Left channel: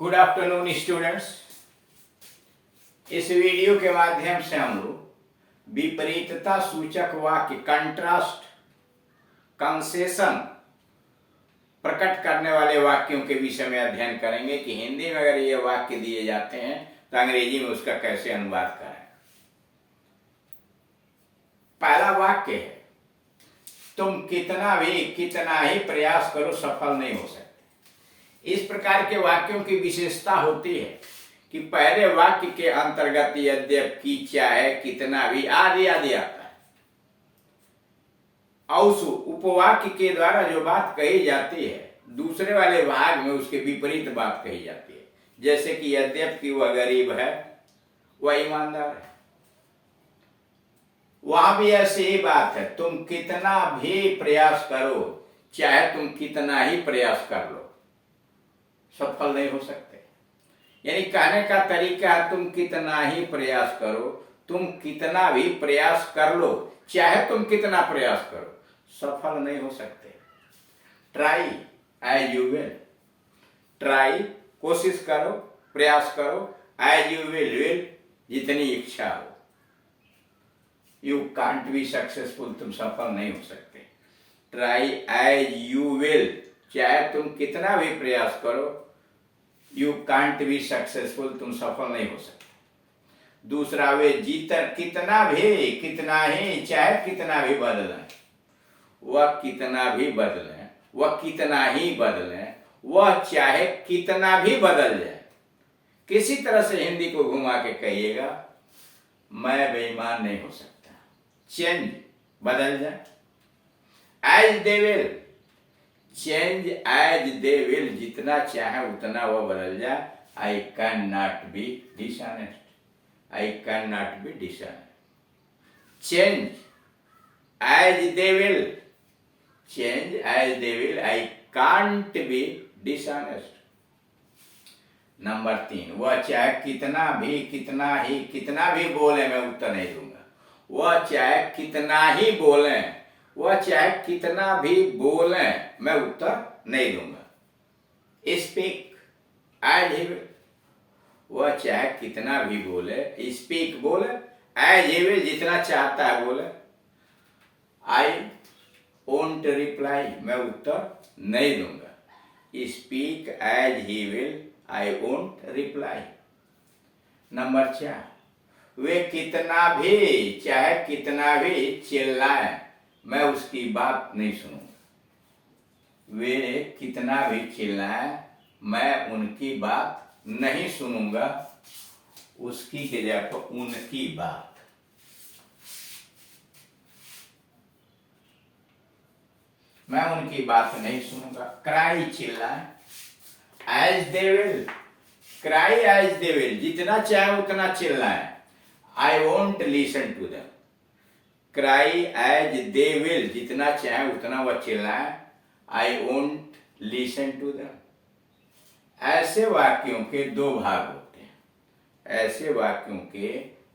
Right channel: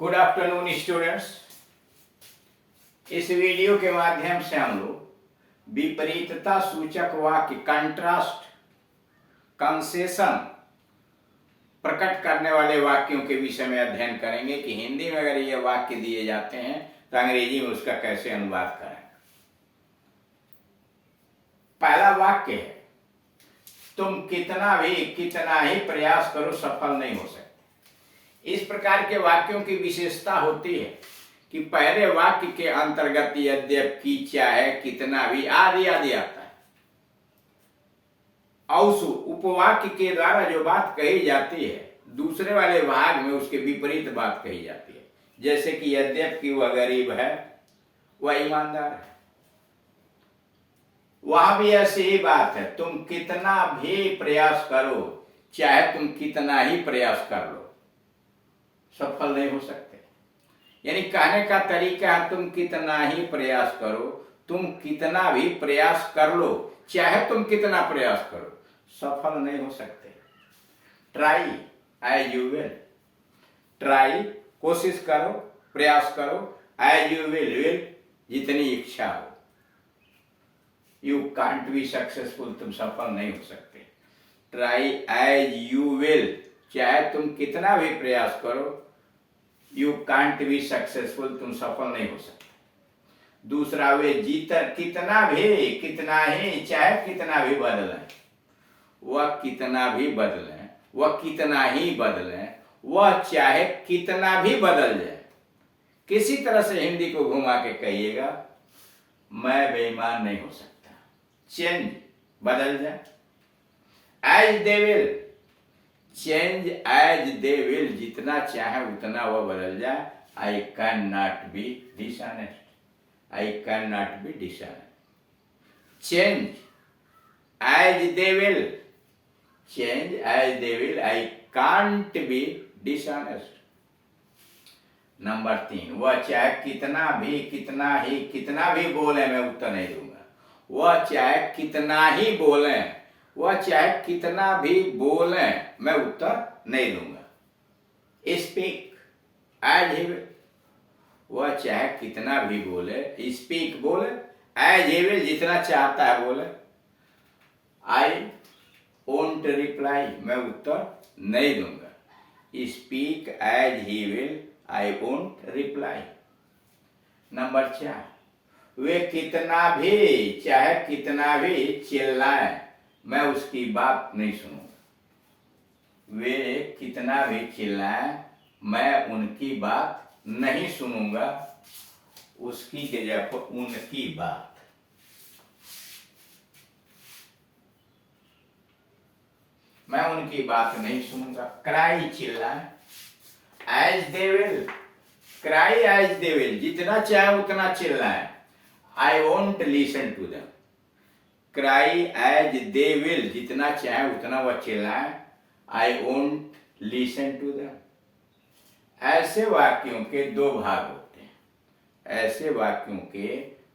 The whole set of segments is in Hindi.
Good afternoon students. इस वीडियो के माध्यम से हम लोग विपरीतता सूचक वाक्य कंट्रास्ट कंसेशन प्रकट करने वाले वाक्यों के विषय में अध्ययन करेंगे कि हिंदी में अगर ये वाक्य दिए जाते हैं तो अंग्रेजी में उसका कैसे अनुवाद करें। पहला वाक्य है, तुम कितना ही प्रयास करो सफल नहीं हो सकते। इस प्रकार के वाक्यों की विशेषता होती है कि पहले वाक्य के अंतर्गत यद्यपि, चाहे, कितना भी आदि आदि आता है और उस उपवाक्य के द्वारा जो बात कही जाती है दूसरे वाले भाग में उसके विपरीत बात कही जाती है। जैसे कि यद्यपि वह गरीब है वह ईमानदार है, वहां भी ऐसी ही बात है, तुम कितना भी प्रयास करो, चाहे तुम कितना ही प्रयास कर लो, सफल नहीं हो सकते। यानी कहने का तरीका है तुम कितना ही प्रयास करो, तुम कितना भी प्रयास कर लो, चाहे तुम कितना प्रयास करो, सफल नहीं हो सकते। Try as you will, try कोशिश करो, प्रयास करो, एज यू विल जितनी इच्छा हो। यू कांट बी सक्सेसफुल, तुम सफल नहीं हो सकते। ट्राई एज यू विल, चाहे तुम कितना भी प्रयास करो, यू कांट बी सक्सेसफुल, तुम सफल नहीं हो सकते। दूसरा वे कितना ही, चाहे कितना भी बदलें, वह कितना भी बदलें, वह कितना ही बदलें, वह चाहे कितना भी बदल जाए। किसी तरह से हिंदी को घुमा के कहिएगा, मैं बेईमान नहीं हो सकता। चेंज बदल जाए, as they will, change as they will, जितना चाहे उतना वह बदल जाए। I can not be dishonest, I can not be dishonest. Change as they will, change as they will, I can't be dishonest. Number 3, वह चाहे कितना भी बोले, मैं उत्तर नहीं दूंगा। वह चाहे कितना ही बोले, वह चाहे कितना भी बोले, मैं उत्तर नहीं दूंगा। स्पीक एज ही विल, वह चाहे कितना भी बोले, स्पीक बोले, एज ही विल जितना चाहता है बोले। आई वोंट रिप्लाई, मैं उत्तर नहीं दूंगा। Speak as he will, I won't reply. Number 4, वे कितना भी, चाहे कितना भी चिल्लाए, मैं उसकी बात नहीं सुनूंगा। वे कितना भी चिल्लाए, मैं उनकी बात नहीं सुनूंगा। उसकी के जगह पर उनकी बात। मैं उनकी बात नहीं सुनूंगा। क्राई चिल्लाए, as they will, cry as they will, जितना चाहे उतना चिल्लाए। I won't listen to them, cry as they will, जितना चाहे उतना वह चिल्लाए। I won't listen to them. ऐसे वाक्यों के दो भाग होते हैं, ऐसे वाक्यों के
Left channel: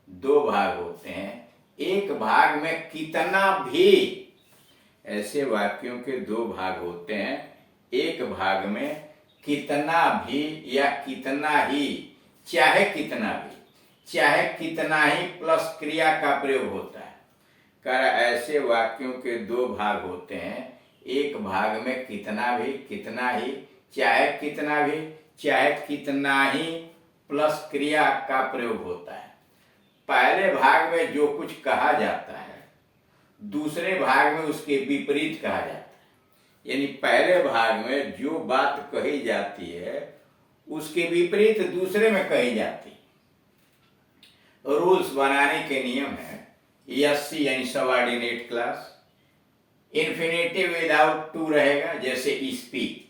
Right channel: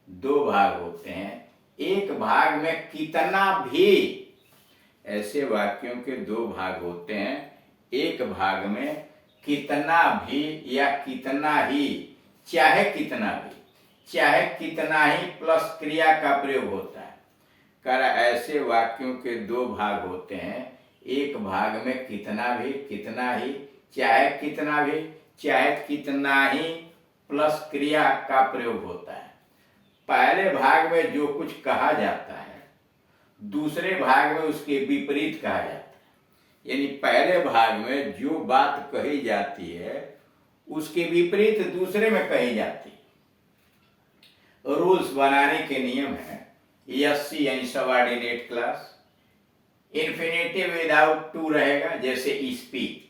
दो भाग होते हैं। एक भाग में कितना भी, ऐसे वाक्यों के दो भाग होते हैं। एक भाग में कितना भी या कितना ही, चाहे कितना ही प्लस क्रिया का प्रयोग होता है। कर ऐसे वाक्यों के दो भाग होते हैं। एक भाग में कितना ही, चाहे कितना ही प्लस क्रिया का प्रयोग होता है। पहले भाग में जो कुछ कहा जाता है दूसरे भाग में उसके विपरीत कहा जाता है। यानी पहले भाग में जो बात कही जाती है उसके विपरीत दूसरे में कही जाती है। रूल्स बनाने के नियम है। एससी यानी subordinate class, infinitive without to रहेगा, जैसे स्पीक,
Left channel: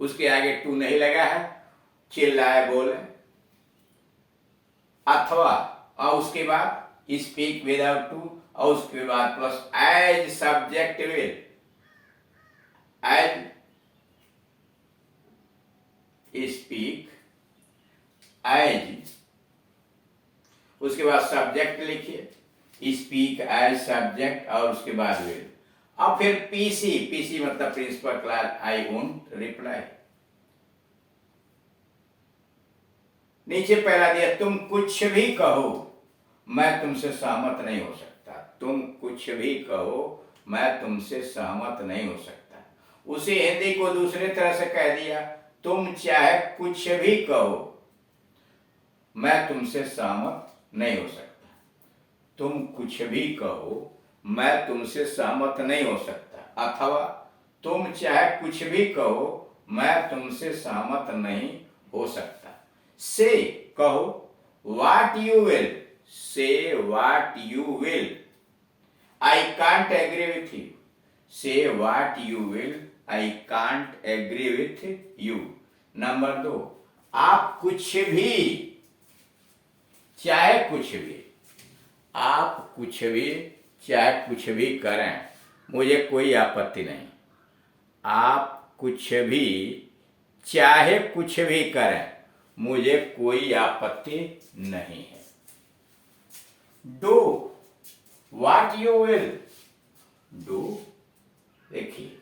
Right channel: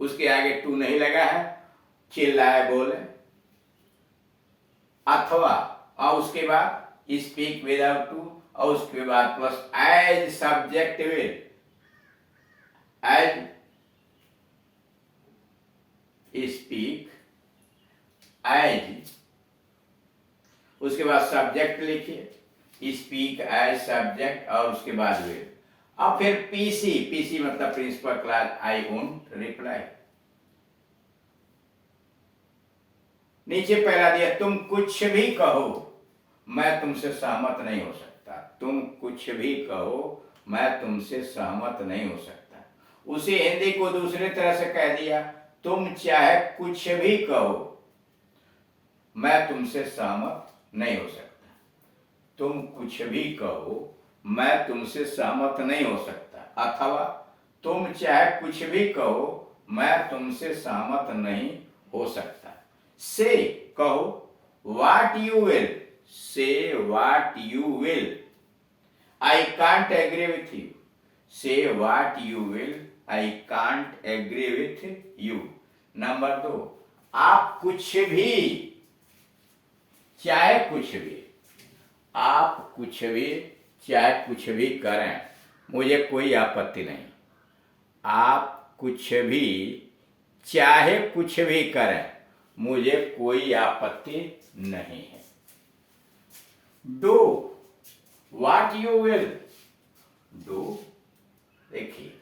उसके आगे टू नहीं लगा है, चिल्लाए बोले। अथवा और उसके बाद स्पीक विदाउट टू, और उसके बाद plus as subject will, as speak, as, उसके बाद सब्जेक्ट लिखिए, स्पीक एज सब्जेक्ट, और उसके बाद विल। अब फिर पीसी मतलब principal class, I won't reply. नीचे पहला दिया, तुम कुछ भी कहो मैं तुमसे सहमत नहीं हो सकता। तुम कुछ भी कहो मैं तुमसे सहमत नहीं हो सकता। उसी हिंदी को दूसरे तरह से कह दिया, तुम चाहे कुछ भी कहो मैं तुमसे सहमत नहीं हो सकता। तुम कुछ भी कहो मैं तुमसे सहमत नहीं हो सकता, अथवा तुम चाहे कुछ भी कहो मैं तुमसे सहमत नहीं हो सकता। से कहो, what you will, say what you will, I can't agree with you. Say what you will, I can't agree with you. Number 2, आप कुछ भी, चाहे कुछ भी, आप कुछ भी चाहे कुछ भी करें मुझे कोई आपत्ति नहीं। आप कुछ भी चाहे कुछ भी करें मुझे कोई आपत्ति नहीं है। Do what you will, do, देखिए,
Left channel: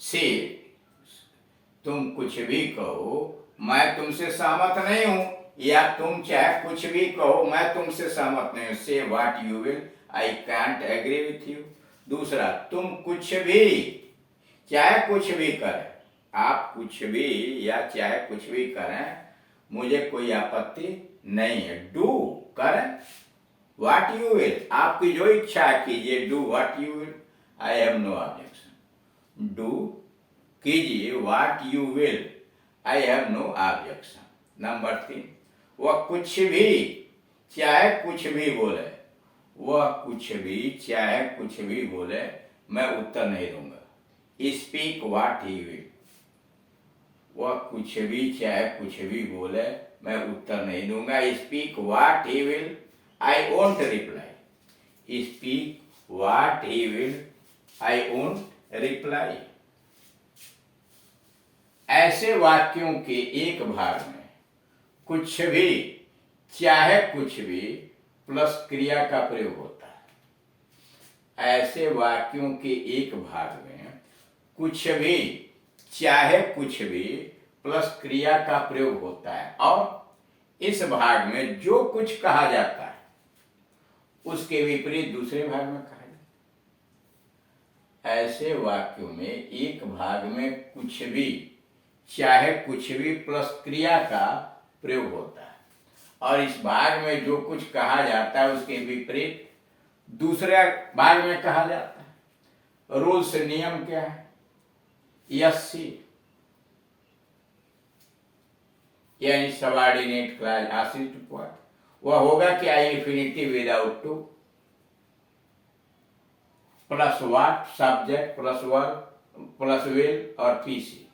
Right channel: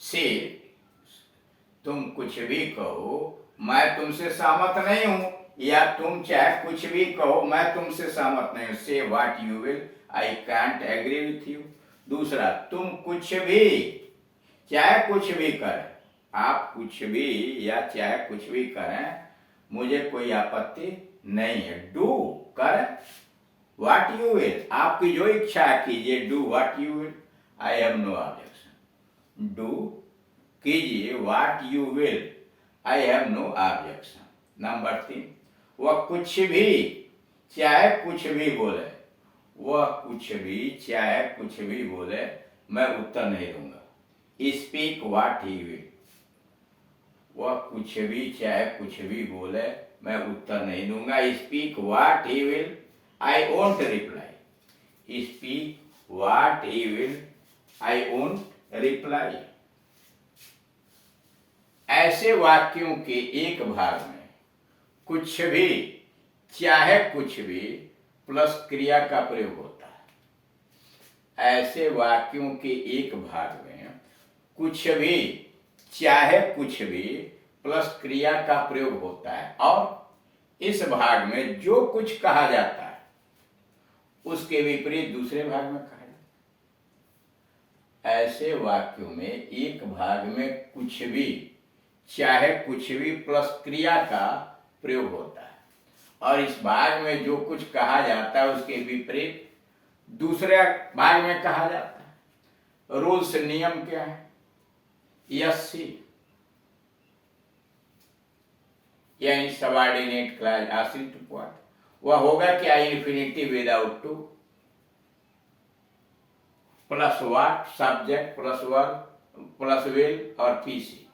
से तुम कुछ भी कहो मैं तुमसे सहमत नहीं हूं, या तुम चाहे कुछ भी कहो मैं तुमसे सहमत नहीं हूं। Say what you will, I can't agree with you. दूसरा, तुम कुछ भी चाहे कुछ भी करें, आप कुछ भी या चाहे कुछ भी करें मुझे कोई आपत्ति नहीं है। डू, करें, व्हाट यू विल, आपकी जो इच्छा कीजिए। Do what you will, I have no objection. Do कीजिए what you will, I have no objection. Number 3, वह कुछ भी चाहे कुछ भी बोले, वह कुछ भी चाहे कुछ भी बोले मैं उत्तर नहीं दूंगा। स्पीक व्हाट ही विल, वह कुछ भी चाहे कुछ भी बोले मैं उत्तर नहीं दूंगा। Speak what he will, I won't reply. Speak what he will, I won't reply. ऐसे वाक्यों के एक भाग में कुछ भी चाहे कुछ भी प्लस क्रिया का प्रयोग होता है। ऐसे वाक्यों के एक भाग में कुछ भी चाहे कुछ भी प्लस क्रिया का प्रयोग होता है, और इस भाग में जो कुछ कहा जाता है उसके विपरीत दूसरे भाग में कहा जाता है। ऐसे वाक्यों में एक भाग में कुछ भी चाहे कुछ भी प्लस क्रिया का प्रयोग होता है, और इस भाग में जो कुछ कहा जाता है उसके विपरीत दूसरे भाग में कहा जाता है। रूल्स, नियम क्या है? यसी, यानी सबऑर्डिनेट क्लॉज आश्रित उपवाद, वह होगा क्या? Infinitive without two plus what, subject plus verb plus will और पीसी।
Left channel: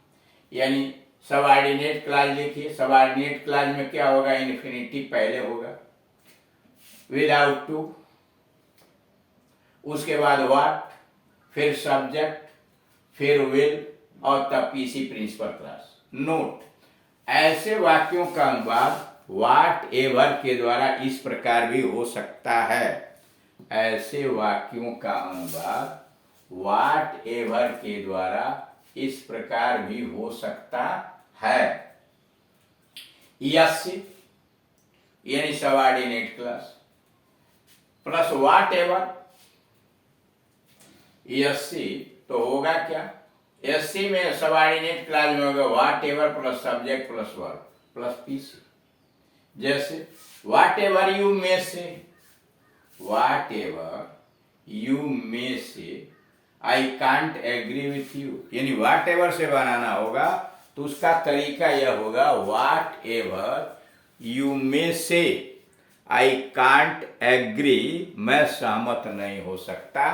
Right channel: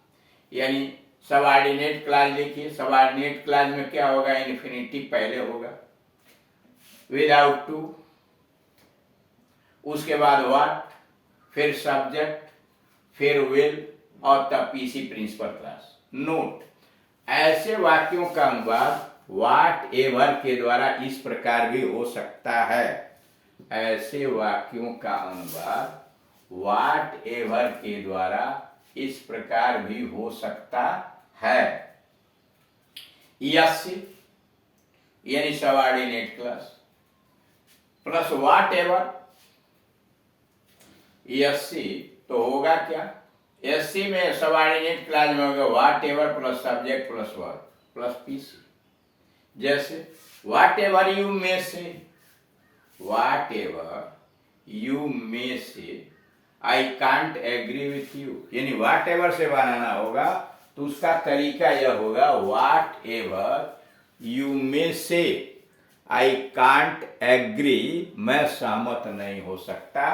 यानी सबऑर्डिनेट क्लॉज देखिए, सबऑर्डिनेट क्लॉज में क्या होगा? इंफिनिटिव पहले होगा, विदाउट टू, उसके बाद व्हाट, फिर सब्जेक्ट, फिर विल और तब पीसी प्रिंसिपल क्लास। नोट, ऐसे वाक्यों का अनुवाद व्हाट एवर के द्वारा इस प्रकार भी हो सकता है। ऐसे वाक्यों का अनुवाद व्हाट एवर के द्वारा इस प्रकार भी हो सकता है। यस यानी subordinate clause plus whatever, SC तो होगा क्या? एससी में सबऑर्डिनेट क्लास में होगा whatever plus subject plus verb plus PC. जैसे whatever you may say, whatever you may say, I can't agree with you. यानी व्हाट एवर से बनाना होगा तो उसका तरीका यह होगा whatever you may say, I can't agree, मैं सहमत नहीं हो सकता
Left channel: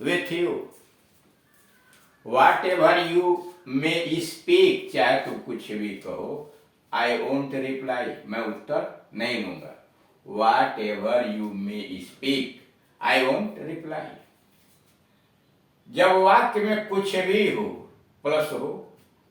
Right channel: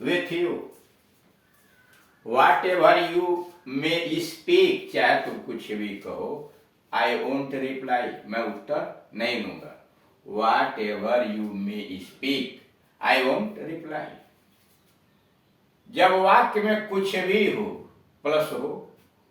with you. What ever you may speak, चाहे तुम कुछ भी कहो, आई वोंट रिप्लाई, मैं उत्तर नहीं दूंगा। What ever you may speak, I won't reply. जब वाक्य में कुछ भी हो प्लस हो,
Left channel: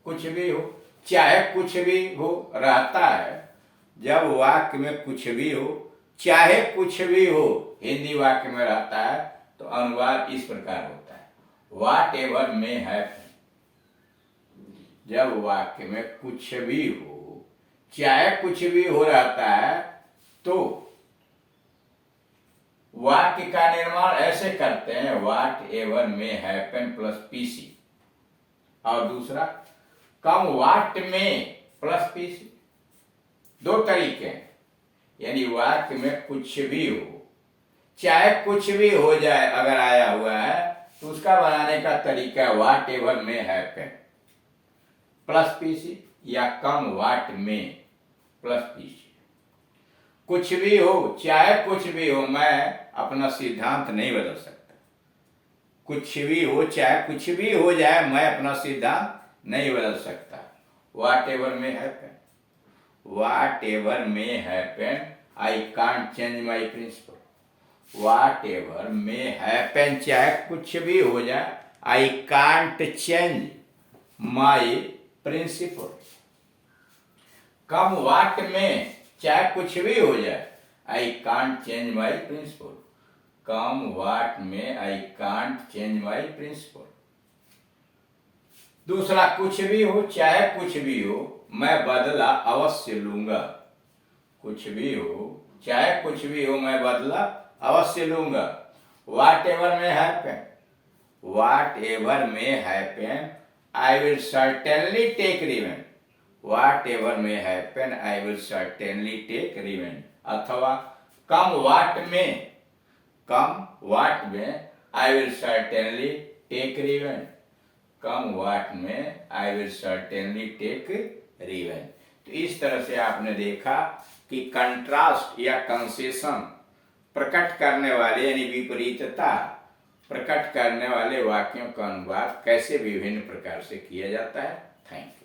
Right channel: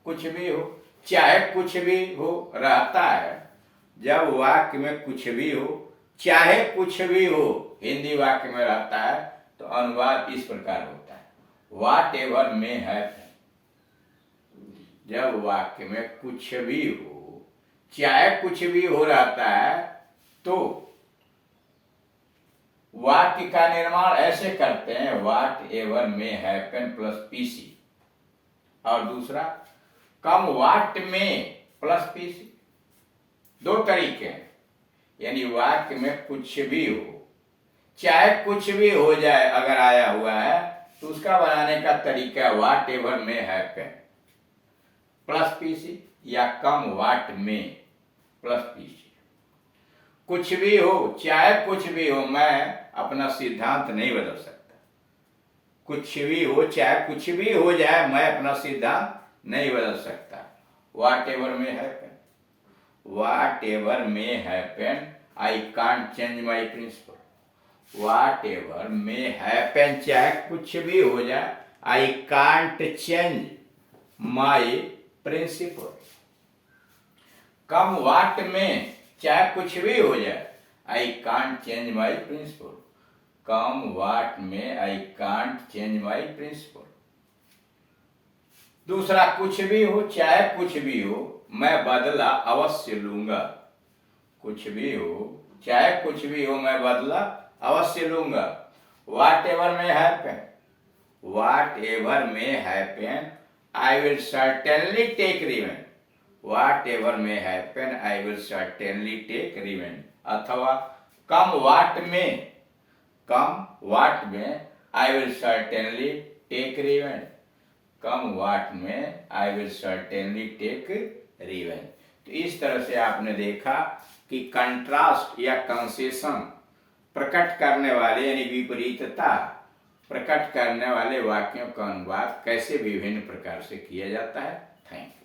कुछ भी हो चाहे कुछ भी हो रहता है, जब वाक्य में कुछ भी हो चाहे कुछ भी हो हिंदी वाक्य में रहता है तो अनुवाद इस प्रकार होता है व्हाट एवर मे हैव, जब वाक्य में कुछ भी हो, चाहे कुछ भी हो रहता है, तो वाक्य का निर्माण ऐसे करते हैं, वाट ever may happen plus PC. और दूसरा कम वाट में प्लस पीसी। दो तरीके हैं, यानी वाक्य में कुछ भी हो, चाहे कुछ भी हो जाए, अगर आया हुआ है तो उसका बनाने का तरीका वाट ever may happen plus PC, या कम वाट में प्लस पीसी। कुछ भी हो, चाहे कुछ भी हो, मैं अपना सिद्धांत नहीं बदल सकता। कुछ भी हो, चाहे कुछ भी हो जाए, मैं अपना सिद्धांत नहीं बदल सकता। Whatever may happen, whatever may happen, I can't change my principle. Whatever may happen, चाहे कुछ भी हो जाए, I can't change my principle. Come what may, चाहे कुछ भी हो जाए, I can't change my principle. Come what may, I can't change my principle. दूसरा, कुछ भी हो, चाहे कुछ भी हो, मैं बदला अवश्य लूंगा। कुछ भी हो, चाहे कुछ भी हो, मैं बदला अवश्य लूंगा। Whatever may happen, whatever may happen, I will certainly take revenge. Whatever may happen, I will certainly take revenge. अथवा come what may, come what may, I will certainly take revenge. Come what may, I will certainly take revenge. तो इस तरह से आपने देखा कि कंट्रास्ट या कंसेशन प्रकट करने वाले, यानी विपरीतता प्रकट करने वाले वाक्यों का अनुवाद कैसे विभिन्न प्रकार से किया जाता है। Thank you.